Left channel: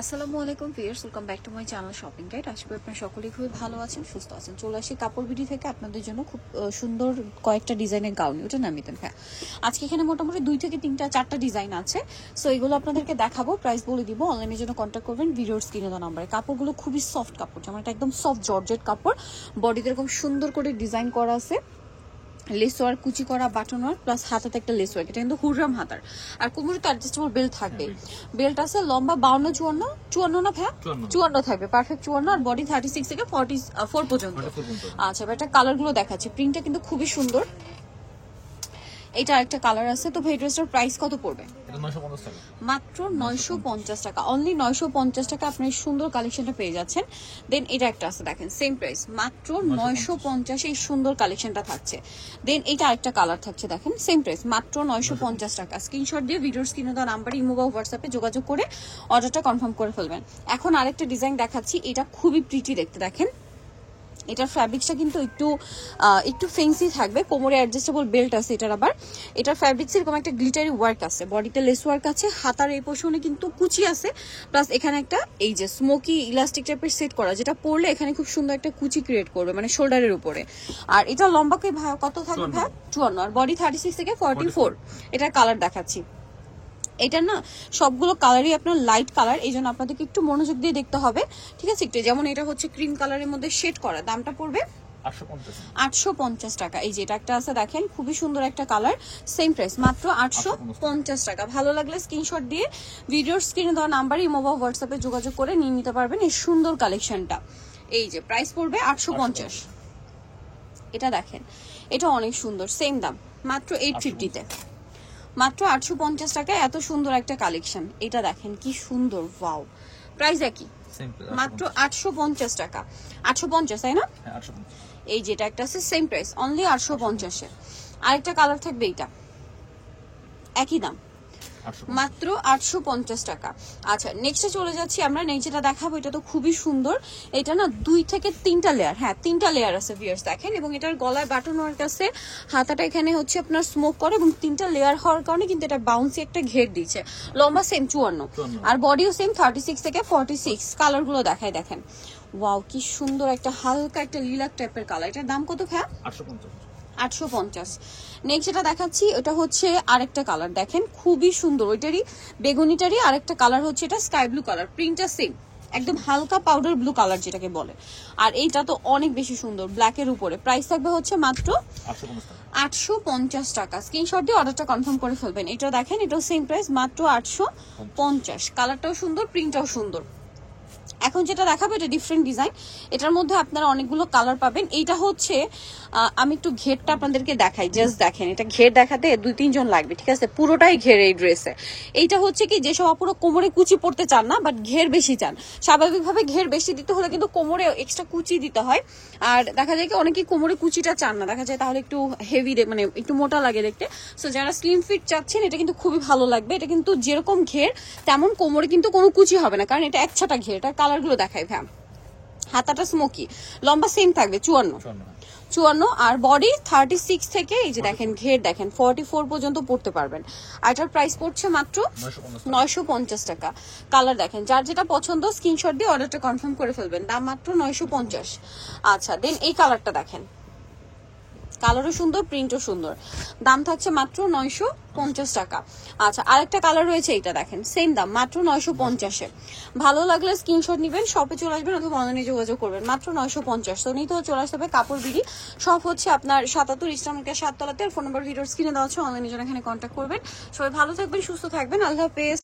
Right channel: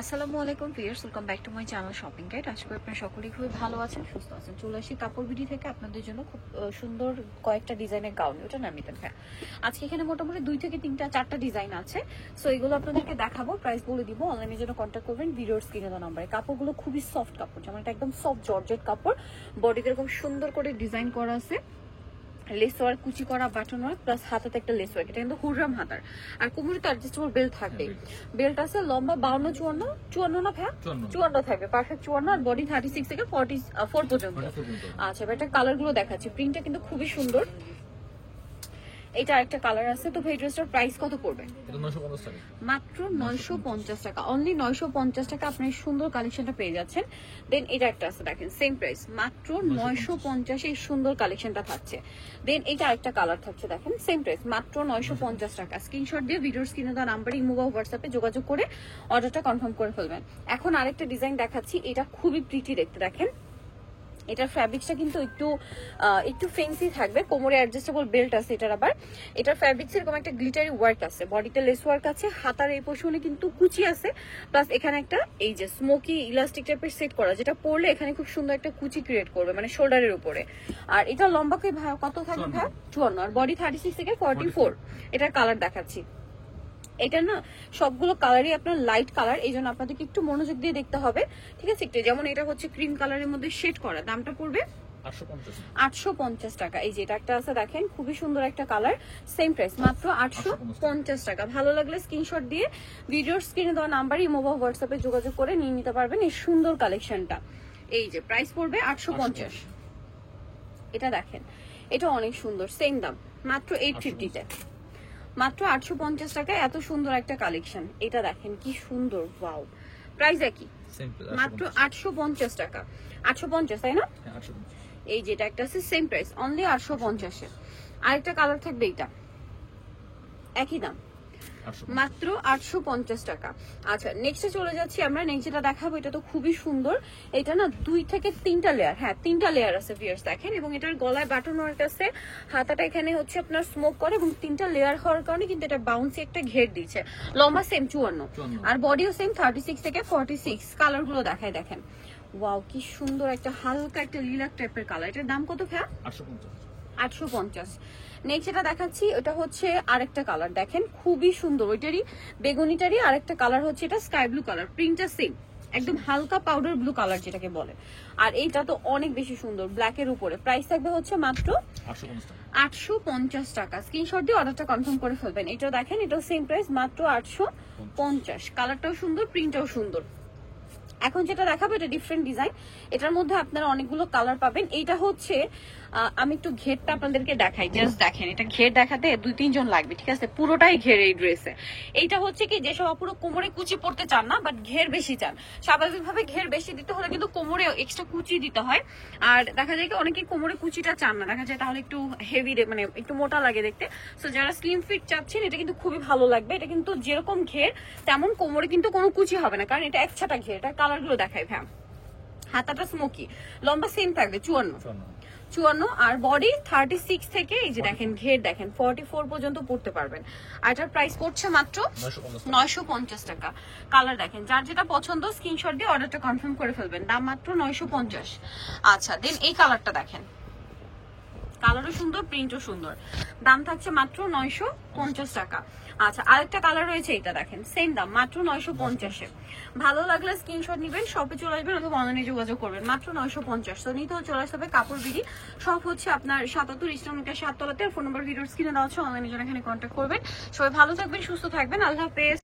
আসসালামু আলাইকুম viewers, welcome back to my channel shopping guide. আশা করি আপনারা সকলেই খুবই ভালো আছেন, সুস্থ আছেন। চলে আসি কাপড় বিডি থেকে আপনাদের জন্য খুব সুন্দর কয়েকটা ডিজাইনের গাউন। এটি নামি কিন্তু আজকে এখানে মোটামুটি 2 থেকে 3টা 4টা ডিজাইন আছে। সো এগুলো আপনাদেরকে দেখাবো, প্রাইস বলে দিব। অনলাইনের জন্য কন্ট্যাক্ট করবেন ভিডিওর স্ক্রিনে দেওয়া নাম্বারে। কাপড়গুলো খুবই সফট কাপড়, যেমন এটা একদম সফট জর্জেট কাপড়। বডিতে খুব সুন্দর করে ডিজাইন করা আছে, লেস ওয়ার্ক, কুচি করা, বাটন ওয়ার্ক, প্লাস হাতাতে একটা লেস ওয়ার্ক। এটা কিন্তু হুররাম হাতার, আর কোমরে তো অ্যাডজাস্টেবল বেল্ট থাকবে। বেল্ট আছে লম্বা 52, 54 না ভাই, 54 থাকবে, পারফেক্ট 54। আর বডি 36 থেকে 44 পর্যন্ত। আচ্ছা, এটা কালার গুলো দেখাচ্ছি। প্রিন্টটা কিন্তু খুবই সুন্দর। এটা একটা কালার আছে। তো ভাই ড্রেসটার প্রাইস কত পড়বে? এটা 950 টাকা, মাত্র 950 টাকা। অনলি 950 টাকা আপনি সুন্দর কালেকশনটা পেয়ে যাচ্ছেন। দেন এটা একটা আছে, দেখেন সেম প্রাইস, মাত্র 950 এই সুন্দর কালেকশনটা থাকছে। দেন এটা একটা কালার থাকছে, দেখেন সেম প্রাইস, মাত্র 950 টাকা। স্ক্রিনশট দিয়ে ভিডিওর স্ক্রিনে দেওয়া নাম্বার, ইমো বা হোয়াটসঅ্যাপে যোগাযোগ করে অর্ডারটা কনফার্ম করে ফেলবেন। এখন আরেকটা ডিজাইন দেখাচ্ছি, এটা খুবই প্রিটি দেখতে। দেখেন এটার ফ্যাব্রিক্সটা কিন্তু একটু ফেন্সি থাকবে, কোমরে অ্যাডজাস্টেবল বেল্ট আছে এটার। আবার এটার ফ্যাব্রিক্স এরকম একটা গ্লিটারি ওয়ার্ক আছে, বডিতে লেস ওয়ার্ক আছে, হাতার এই পোর্শনে কিন্তু কুচি আছে, প্লাস এখানে একটা এই যে স্মোকি ইলাস্টিক টাইপের সেট করা, যেটা পরলে এখানে খুব সুন্দর একটা কুচি ক্রিয়েট করবে, মানে শোল্ডারের উপরে। আর এটা লম্বাকে কত থাকবে? 54। আর বডি 36 থেকে 44। এটার কালার দেখাচ্ছি। এটা না সবগুলো কালারই আপনার লাইট কালার, এই জন্য আপনাদেরকে একটু মনোযোগ দিয়ে দেখতে হবে, ঠিক আছে? একটু যেমন এটা হচ্ছে ক্রিম কালারের মধ্যে শেড করা, দামটা পড়বে 850 টাকা। এই যে এটা একটা আছে, দেখেন খুবই সুন্দর একটা কালার, সেম প্রাইস, মাত্র 850 টাকা। ভালো লাগলে স্ক্রিনশট দিয়ে ভিডিওর স্ক্রিনে দেওয়া নাম্বার, ইমো বা হোয়াটসঅ্যাপে যোগাযোগ করে নিয়ে নিতে পারবেন এই সুন্দর কালেকশনটা। এই যে প্রাইস পড়বে 850। এটা দেখেন, এটা অনেক সুন্দর, সেম দাম, মাত্র 850 তে, মাত্র 850 টাকা। এত সুন্দর একটা কালেকশন। এটা দেখেন কি সুন্দর, ওয়াও। প্রাইস একই, মাত্র 850 টাকা। 850, তাই না? হ্যাঁ 850। এই যেটা একটা আছে সেম প্রাইস, অনলি 850 এ। আরেকটা কালার থাকবে, এটা একই দাম, মাত্র 850 টাকা। আচ্ছা, নেক্সটে চলে যাচ্ছি আমরা। নেক্সট যেটা দেখাবো এটা তো খুবই সুন্দর। এটা না 2 থেকে 3টা লেয়ার, হ্যাঁ 3টা লেয়ার আছে ভিউয়ার্স, দেখেন। এবং এটার গলায় বাটন ওয়ার্ক আছে, হাতাটা এখানে হচ্ছে আপনার স্মোক করে, এবং 3টা লেয়ার হওয়ার কারণে কিন্তু এটা বাউন্সি একটা ঘের দিচ্ছে। লম্বা সেম 54, আর বডিও সেম 36 থেকে 46। কালার গুলো দেখাই, দেখেন ওয়াও কি সুন্দর, একটা হালকা একটা লিলাক টাইপের কালার। এটার দাম কত ভাইয়া? 850। নেক্সট যেটা দেখাচ্ছি এটা হচ্ছে আরেকটা কালার, দেখেন খুবই সুন্দর। ওইটারই বেগুনিটারই আরেকটা কালার হচ্ছে, এটা স্কাই ব্লু কালার, প্রিন্টটা সেম, একদম হালকা পাউডার ব্লু কালার যেটাকে বলে। আর এইটা তো অনেক বেশি সুন্দর, ব্ল্যাকের উপরে। প্রাইস থাকবে হচ্ছে মাত্র 850 টাকা। স্ক্রিনশট দিয়ে অর্ডারটা কনফার্ম করে ফেলবেন। এটা দেখেন, এটা সেম প্রাইস, মাত্র 850। কালারটাও সুন্দর, প্রিন্টটাও সুন্দর। এখন যেটা দেখাবো এটা ডিফারেন্ট ডিজাইন, এটার মধ্যে আপনারা অনেকগুলো কালার পাবেন। এইটা হচ্ছে আমি একটু ঘেরটা আপনাদেরকে দেখাই, জাস্ট দেখেন। এটা ঘের দেখাতে 2-3 জন লাগবে, ঠিক আছে? পুরোটাই ঘের এই ড্রেসে। এইটা হচ্ছে কি, যেসব আপুরো কোমরে কুচি পড়তে চান না, বাট ঘের বেশি চান, স্বাভাবিকভাবে ঘের বেশি দিতে হলে কিন্তু কোমরে এক্সট্রা কুচি দিতে হয়। আর দেখা যায় কি অনেকেই কোমরে কুচিটা চান না, দেখা যায় তাহলে একটু হেভি, মানে একটু মোটা লাগে দেখতে। সো যারা স্লিম ফিট চাচ্ছেন এটা কিন্তু খুবই ভালো লাগবে। এটা কিন্তু যেরকম ঘের তেমন কোমরে কিন্তু কোনো কুচি হবে না, কারণ এটা একছাটা ঘের। এটা কালারগুলো দেখায় ভ্যাম। হাতাটা স্মোকি, লম্বা সেম থাকবে 54, আর বডি 36 থেকে এই যে দেখেন ঘের দেখেন 44 পর্যন্ত পড়তে পারবেন। আর এটার প্রাইস পড়ছে মাত্র 950 টাকা। কালার দেখেন, যার যেটা পছন্দ স্ক্রিনশট দিয়ে অর্ডারটা কনফার্ম করে ফেলবেন, দাম মাত্র 950। আচ্ছা, দেন এই কালারটা দেখেন, কালারও সুন্দর, প্রিন্টও সুন্দর, দাম থাকছে মাত্র 950 টাকা। আচ্ছা, আরেকটা কালার রয়েছে, এটা দেখেন সেম দাম, মাত্র 950-এ। ভালো লাগলে স্ক্রিনশট নেবেন, শপে চলে আসবেন অথবা অনলাইনে যোগাযোগ করবেন, মাত্র 950। তো নিতে চলে আসতে হবে কাপড় বিডি। শপ হচ্ছে আপনার 77 ইস্টার্ন 7 তলাতে। ফোন নাম্বার ভিডিওর স্ক্রিনে দেওয়া আছে, অনলাইনে জন্য এখানে কন্ট্যাক্ট করবেন। সবাই ভালো থাকবেন, সুস্থ থাকবেন, আল্লাহ হাফেজ।